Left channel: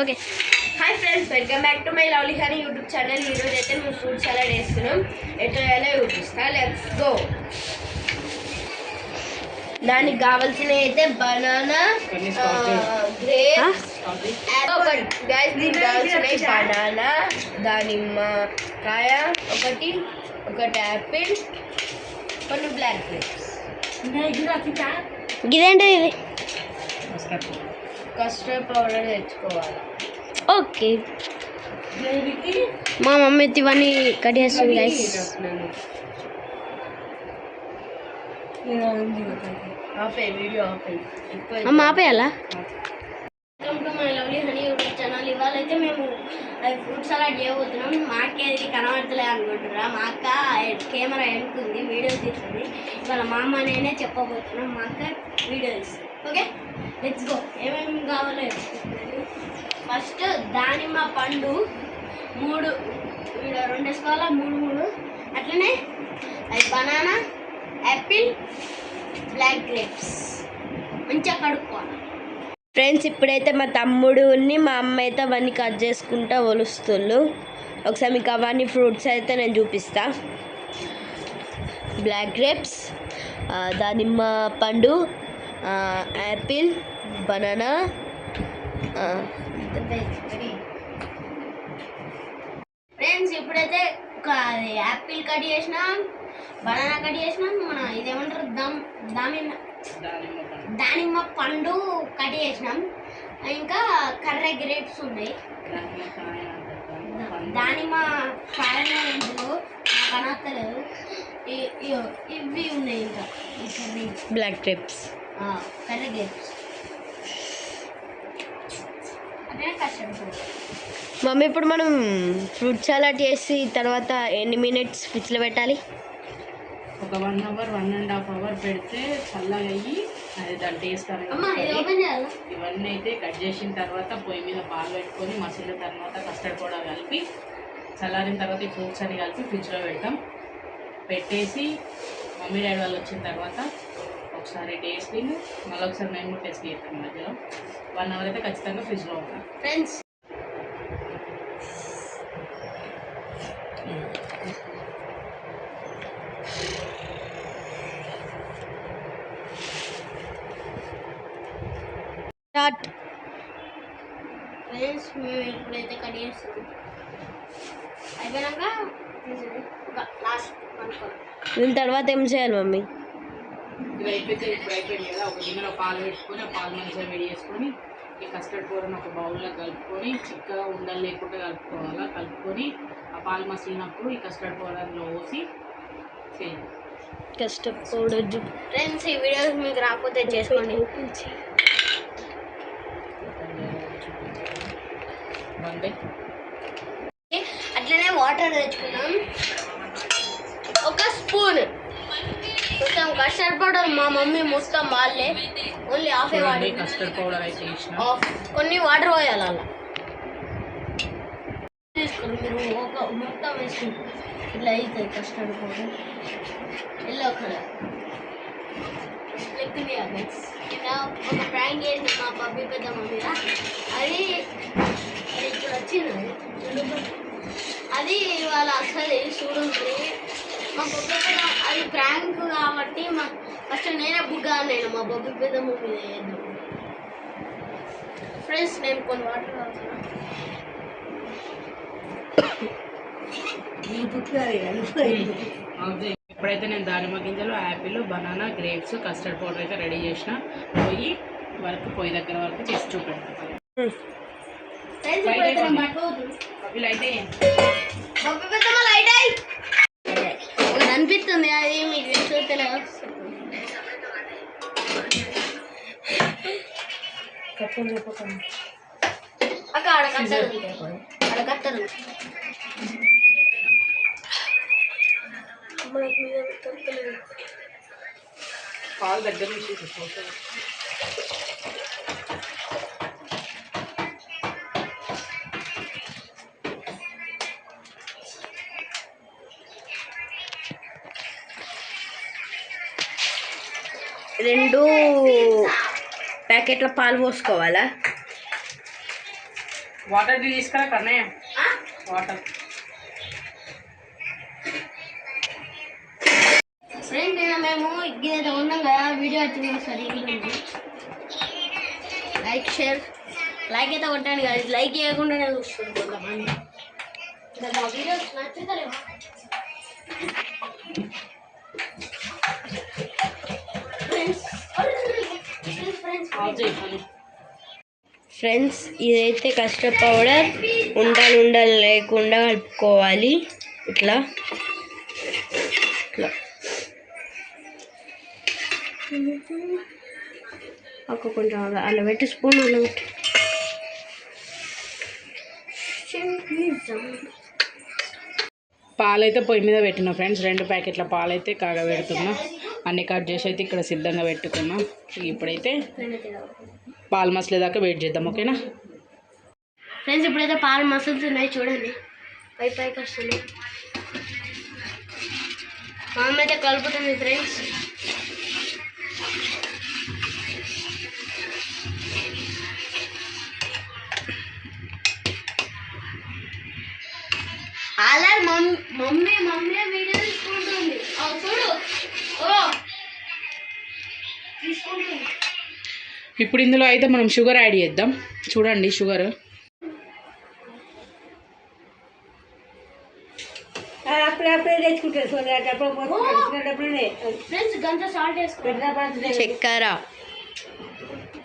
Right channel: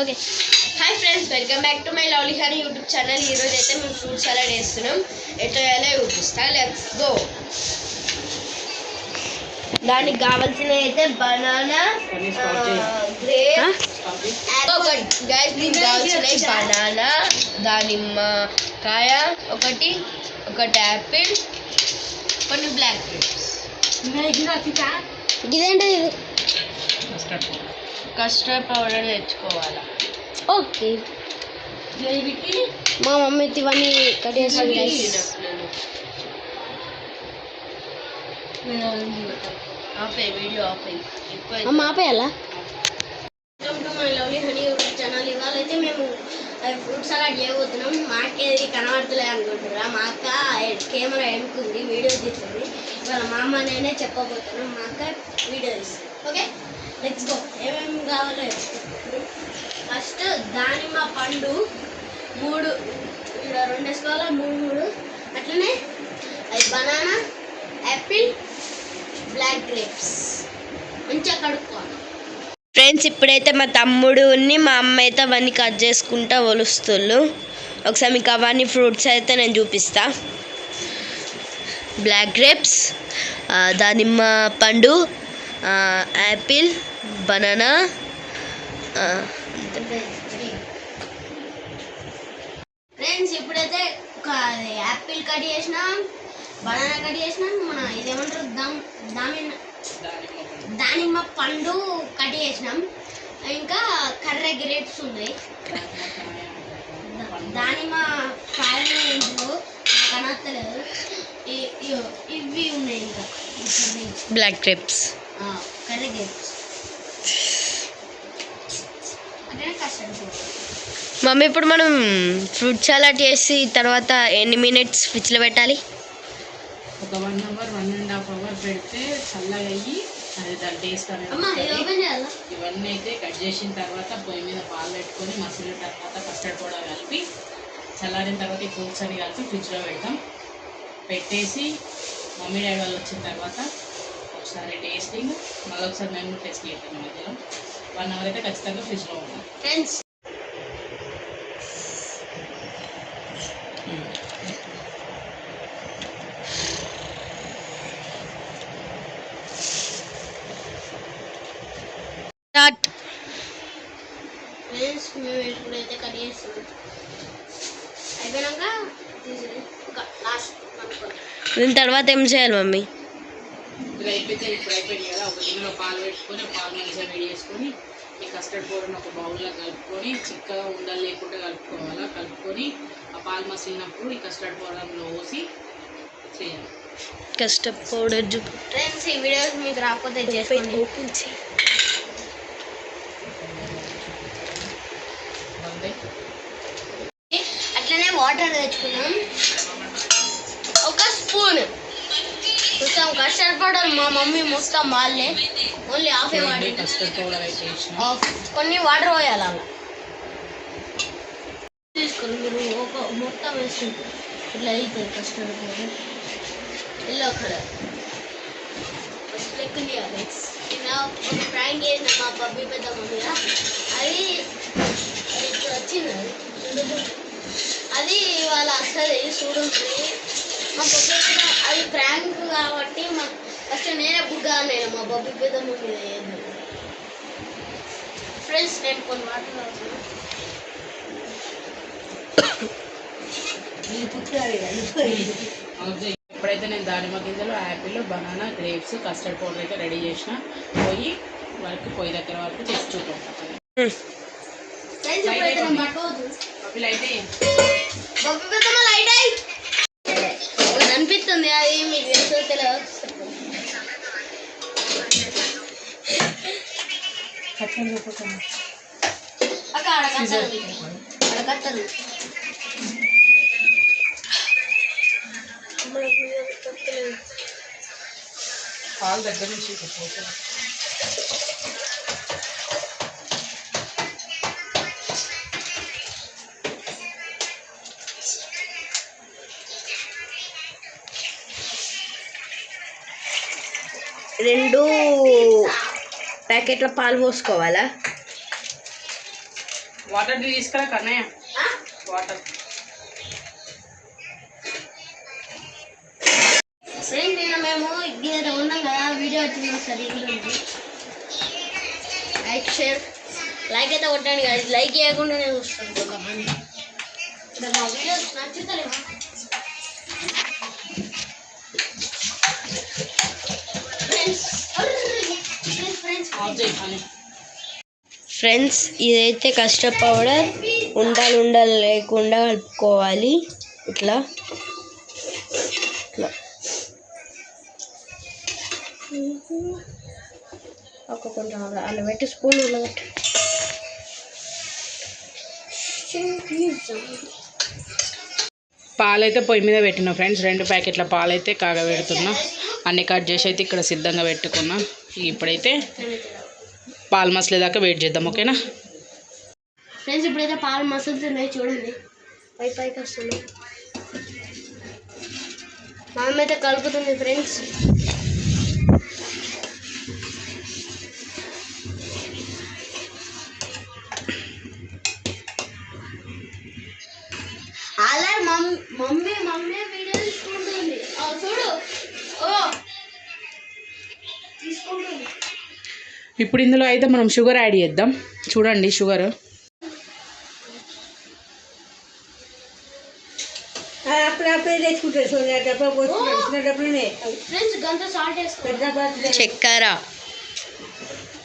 Okay. Hi friends, welcome back to my lovely honey YouTube channel. ఈరోజు అయితే మేము fruit salad వేస్తున్నాం. ఎట్లా వేయాలో చూపిస్తా. Let's go. దానికి కావాల్సినవి అయితే బనానా, గ్రేప్స్, దీనికి కావాల్సినవి బనానా, దానిమ్మకాయ ఒకటి యాపిల్, కొన్ని బ్లాక్ గ్రేప్స్. ఇదేంటి? ఇది కస్టర్డ్ పౌడర్ తెచ్చుకోవాలి. ఓకే, మా మమ్మీ ఇవన్నీ కట్ చేస్తుంది. ఆపేయాలా? Welcome to my lovely honey YouTube channel. ఇవాళ అయితే మేము ఫ్రూట్ సలాడ్ చేయబోతున్నాం. మా అక్క ఏది కనబడతలేదు అనుకుంటున్నా. మా అక్క కెమెరా ఎన్నుకుంది, వీడియో తీస్తుంది. ఇవాళ మా అమ్మ నేనే చెప్పబోతున్నాం. మా అక్క వీడియో తీస్తుంది. Okay, let's go. ఏమేమి కావాలో ఫస్ట్ దానిమ్మ పండు 3 వేసుకోవాలా, 3 అట్లనే అది బనానా, యాపిల్, బ్లాక్ గ్రేప్స్ మంచిగా కడుక్కోవాలి. ఫ్రెండ్స్, ఇప్పుడైతే మా తమ్ముడు మా అమ్మ అయితే అవన్నీ కట్ చేసుకుంటా ఒలుస్తుళ్ళు. ఒకసారి మీకు అవన్నీ ఫ్రూట్స్ అయితే నేను చూపిస్తా. బ్లాక్ గ్రేప్స్, దానిమ్మ పండు, యాపిల్, బనానా. ఫ్రెండ్స్, ఇప్పుడైతే యాపిల్ కట్ చేసినాం, బనానా కట్ చేసినాం, మన ఇదేమంటారు దానిమ్మ పండు కట్ చేసినాం. ఇంకా కర్ర గ్రేప్స్ ఉన్నాయి. దానిమ్మ కాయలు ఇందులో కనత్తలేదు. ఇవి ఉన్నాయి. ఇంకా బ్లాక్ గ్రేప్స్, కర్ర గ్రేప్స్. మమ్మీ, ఇప్పుడు మనం ఫ్రూట్ సలాడ్ చేసి తర్వాత ఎన్ని మినిట్స్ ఫ్రిడ్జ్లో పెట్టాలి? ఒక 1 అవర్ 1.5 అవర్ పెడితే చల్లగా అయ్యి అది దాని టేస్ట్ అనేది. ఇవన్నీ అయితే కట్ చేసిన తర్వాత పొయ్యి మీద పాలు పెట్టుకొని మసిలిన తర్వాత కస్టర్డ్ పౌడర్ కలిపి చల్లారిన తర్వాత ఈ ఫ్రూట్స్ అన్ని కలిపి ఫ్రిడ్జ్లో పెడతాం. పెట్టేసి మమ్మీ డాడీ వాళ్ళు వచ్చిన తర్వాత ఒకసారి టేస్టింగ్, మళ్ళీ ఒకసారి మేము కూడా టేస్ట్ చేస్తాం. మధ్యలో 1 అవర్ అయితే ఖచ్చితంగా ఫ్రిడ్జ్లో ఉంటాం. ఫ్రెండ్స్, మేము ఎప్పుడైతే కట్ చేస్తాం అయిపోయినాక ఒక లాస్ట్ దీని తర్వాత ఏం చేయాలి మమ్మీ? ఇది అయిపోతే ఇప్పుడు అయిపోయింది కదా, ఒక గిన్నెలో పాలు పెట్టుకొని ఆ పాలు మంచిగా వేడి చేసుకొని ఈ కస్టర్డ్ పౌడర్ని ఒక బౌల్లో కలుపుకొని చిక్కగా ఉండలు లేకుండా కలుపుకోవాలా. కలుపుకొని ఆ పాలు మసిలినప్పుడు ఈ కస్టర్డ్ పౌడర్లో పోసి చేయాలి. కస్టర్డ్ పౌడర్ ఫ్రెండ్స్, ఈ వీడియోస్ మీకు రాకపోతే చేసుకోండి. అట్లనే వాటర్ తెచ్చుకున్నాం. ఒక స్పూన్ మొత్తం కస్టర్డ్ పౌడర్ మా మమ్మీ మొత్తం వాళ్ళే only half water. Custard powder అయితే కొన్ని వాటర్ పోయాలి అలా తీసుకొని మీరు ఒక మొత్తం వేసుకుంటారు. ఇట్లా అవుతుంది కస్టర్డ్ పౌడర్. ఎల్లో కలర్ లెక్క ఇలా ఒక ప్రాంక్ చేసిన మా బబ్బీ పెద్దమ్మ మీద. అది ఇప్పుడు వచ్చింది. అది వాళ్ళ అసలు చూడండి. మా బొబ్బి పెద్ద అది ప్రాంక్ కాబట్టి ఫస్ట్ నేనే బుగ్గా అన్నాను మా బొబ్బి పెద్దమ్మ మీద. ఫ్రెండ్స్, నేను కొన్ని వాటర్ ఇప్పుడైతే నేను దానిమ్మ గింజలు, Apple, banana, grapes, custard powder అయితే రెడీ చేసిన. పొయ్యి దగ్గర వరకు చేసి చూపెడతాను. అనిపిస్తుంది అది మీకు అడగట్టరు. పాలు దగ్గర నుంచి 2 ప్యాకెట్ల పాలు పోసుకోవాలా? వాటర్ తీసుకురా కన్నయ్య, వాటర్. ఫ్రెండ్స్ మేము ఇక్కడ ఉన్నాం కదా, వీడియో వచ్చింది ఒకసారి చూడండి. లైక్ అయితే కొట్టండి కదా, లైక్ చేయకుండానే చూస్తాను కొంతమంది. మా వీడియోస్ నచ్చుతలేవా? ఫ్రెండ్స్ ఇదైతే కస్టర్డ్ పౌడర్ ఉండలు లేకుండా కలుపుకోవాలి. ఇట్లా ఇట్లా కొంచెం అలా పెట్టి స్పూన్ అలా పెట్టి పాలైతే పొయ్యి మీద పెట్టినా ఫ్రెండ్స్. 2 ప్యాకెట్ల పాలైతే కాగబెడుతున్నా. అన్ని కట్ చేసి అయితే ఇక్కడ సిద్ధంగా పెట్టుకున్నా. ఇప్పుడైతే పాలు మసలేదాకా వెయిట్ చేద్దాం, ఓకేనా ఫ్రెండ్స్? ఇప్పుడైతే పాలు మసులుతున్నాయి చూడండి, పైకి వస్తుంది. మా అమ్మ అయితే కలుపుతుంది ఫ్రెండ్స్. అలా మమ్మీ వీడియో తీసుకుంటుంది, చూడు తీసుకుంటుంది. ఇప్పుడు ఇందులో అయితే మనం షుగర్ యాడ్ చేద్దాం. చూడండి షుగర్ చక్కెర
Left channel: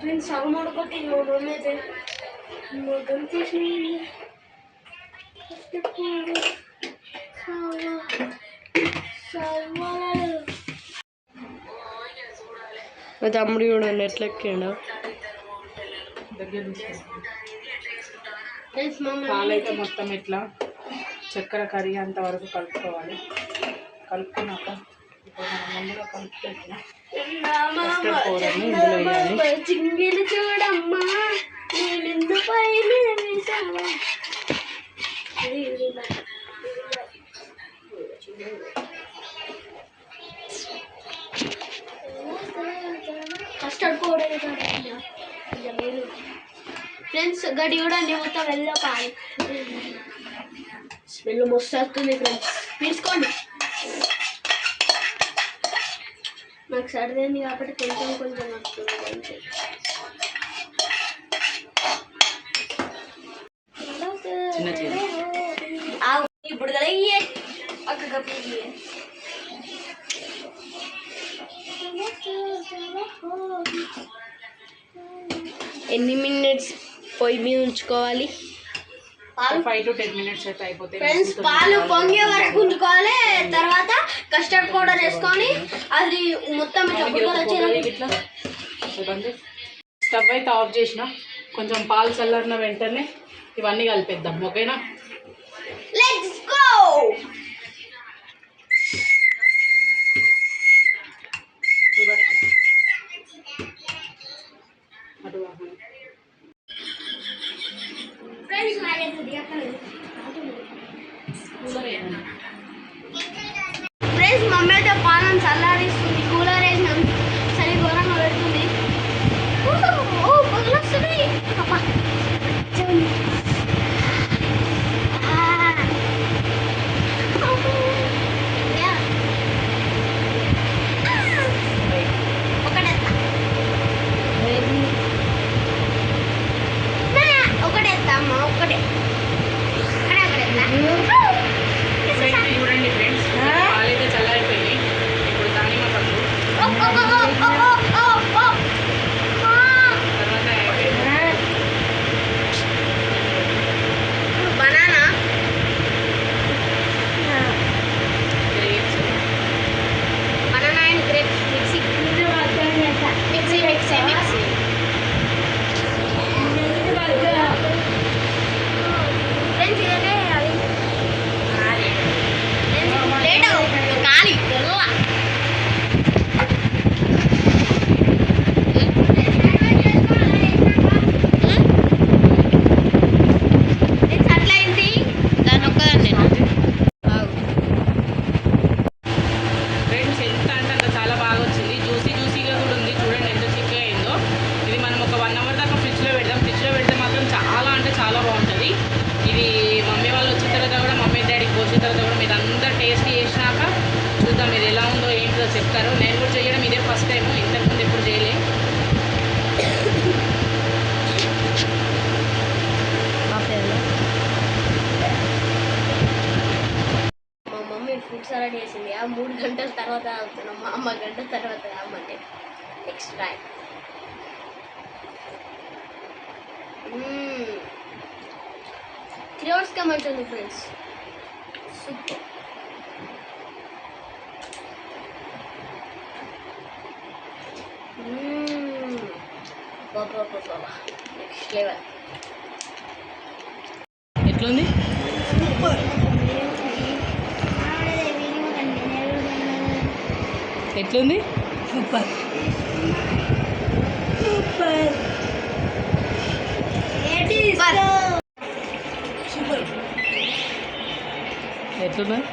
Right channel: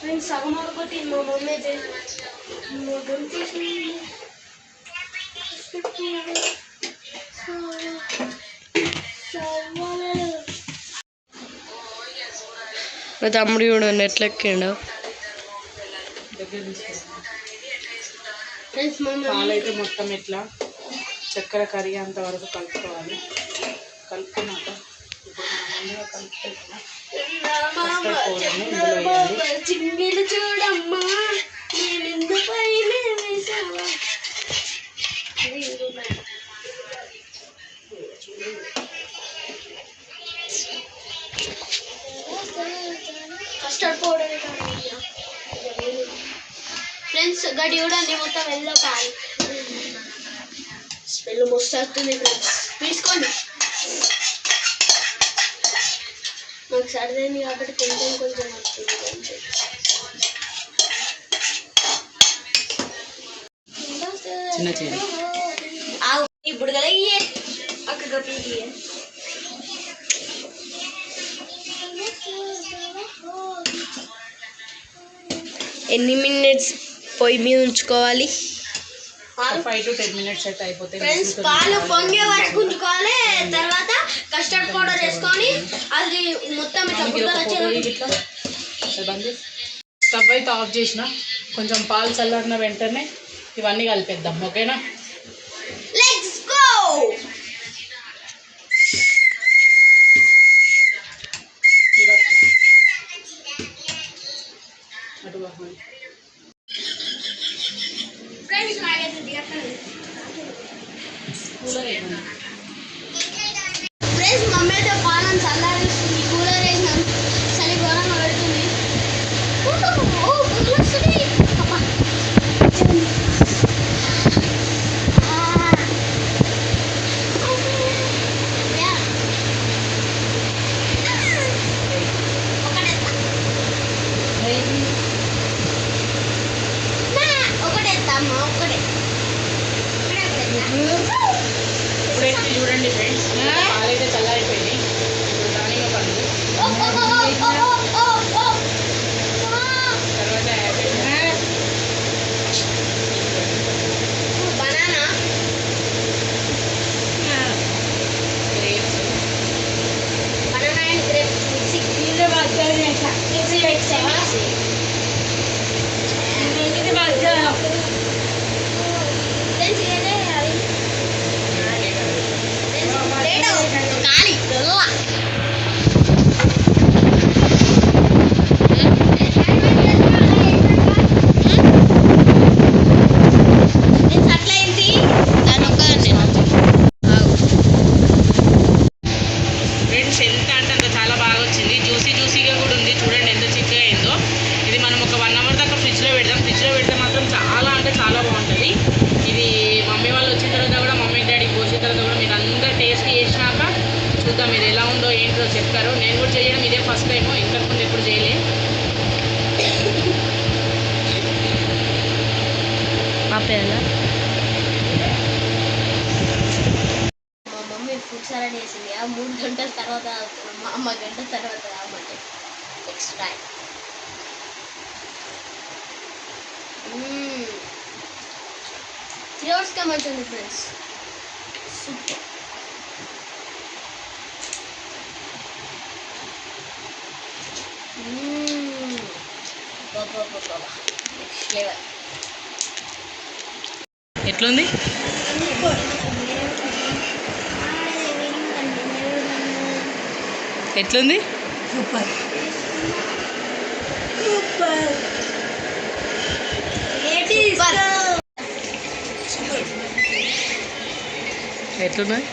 ఫ్రెండ్స్ సగం కొట్టి మా తమ్ముడు కూడా ఎట్లెక్కిండు. పాలైతే మొత్తం ఇట్లా చక్కెర కరిగే అంతవరకు కలుపుకోవాలి. కలుపుకున్నాక ఇప్పుడు మనం ముందుగా కలుపుకుంటున్నాం కస్టర్డ్ పౌడర్ని ఇందులో వేయాలి. చూడమ్మా కస్టర్డ్ పౌడర్ ఫ్రెండ్స్. గడి చూడండి మొత్తం వెళ్ళో పాలు స్మెల్ మస్తు వస్తుంది ఫ్రెండ్స్, తీసుకోండి. మాకు సరిదైంది కాబట్టి కొంచెం వస్తుంది అంతే. ఇప్పుడు కదా అక్క ఎన్ని మినిట్స్ పొయ్యి మీద ఉంచుకోవాలి? 5 to 10 minutes అయితే అయిపోతాయి. ఫ్రెండ్స్ పాలు పొంగే వరకు ఉంచుకోవాలి. తర్వాత కస్టర్డ్ పౌడర్ వేసుకొని అది మొత్తం ఇట్లా స్టవ్ అయితే ఆఫ్ చేసిన. కొంచెం పాలు చల్లారిన వెంటనే ఇవన్నీ కలిపేద్దాం, ఓకేనా? Let's go. ఫ్రెండ్స్ మమ్మీ అయితే పాలను చల్లారిస్తుంది, కూలర్ వేసిన చలి ఘోరంగా పెడుతుంది. ఒకటేస్తామ్మా, ఒకటే చూడండి ఫ్రెండ్స్, పాలైతే చల్లారిపోయింది. ఇప్పుడు దానిమ్మ పండు తర్వాత చాలా బాగుంటుంది. ఇది మమ్మీ వాళ్ళు వచ్చిన తర్వాత కూడా, మమ్మీ డాడీకి పోసిన తర్వాత కూడా మీరు అందరూ టేస్ట్ చేసినాక చూద్దాం మీరు ఎలా ఉందో ఏంటో చెప్తారు. నేను కూడా చేయడం ఇదే ఫస్ట్ టైం, ఇంతకుముందు ఎప్పుడు చేయలే. ఆపేయాలా? మా మమ్మీ ఫుడ్ సలాడ్ వేసింది, 3 గంటల తర్వాత అవుతున్నాం. మా అమ్మ గంటల తర్వాత కామంటే నెక్స్ట్ టైం. 3 అవర్స్గా మంచిగా ఉంది ఫ్రెండ్స్, సూపర్. బాబా నెక్స్ట్ లెవెల్. ఎట్లుంది? ఎట్లుంది? సూపర్ సూపర్ ఎట్లున్నది?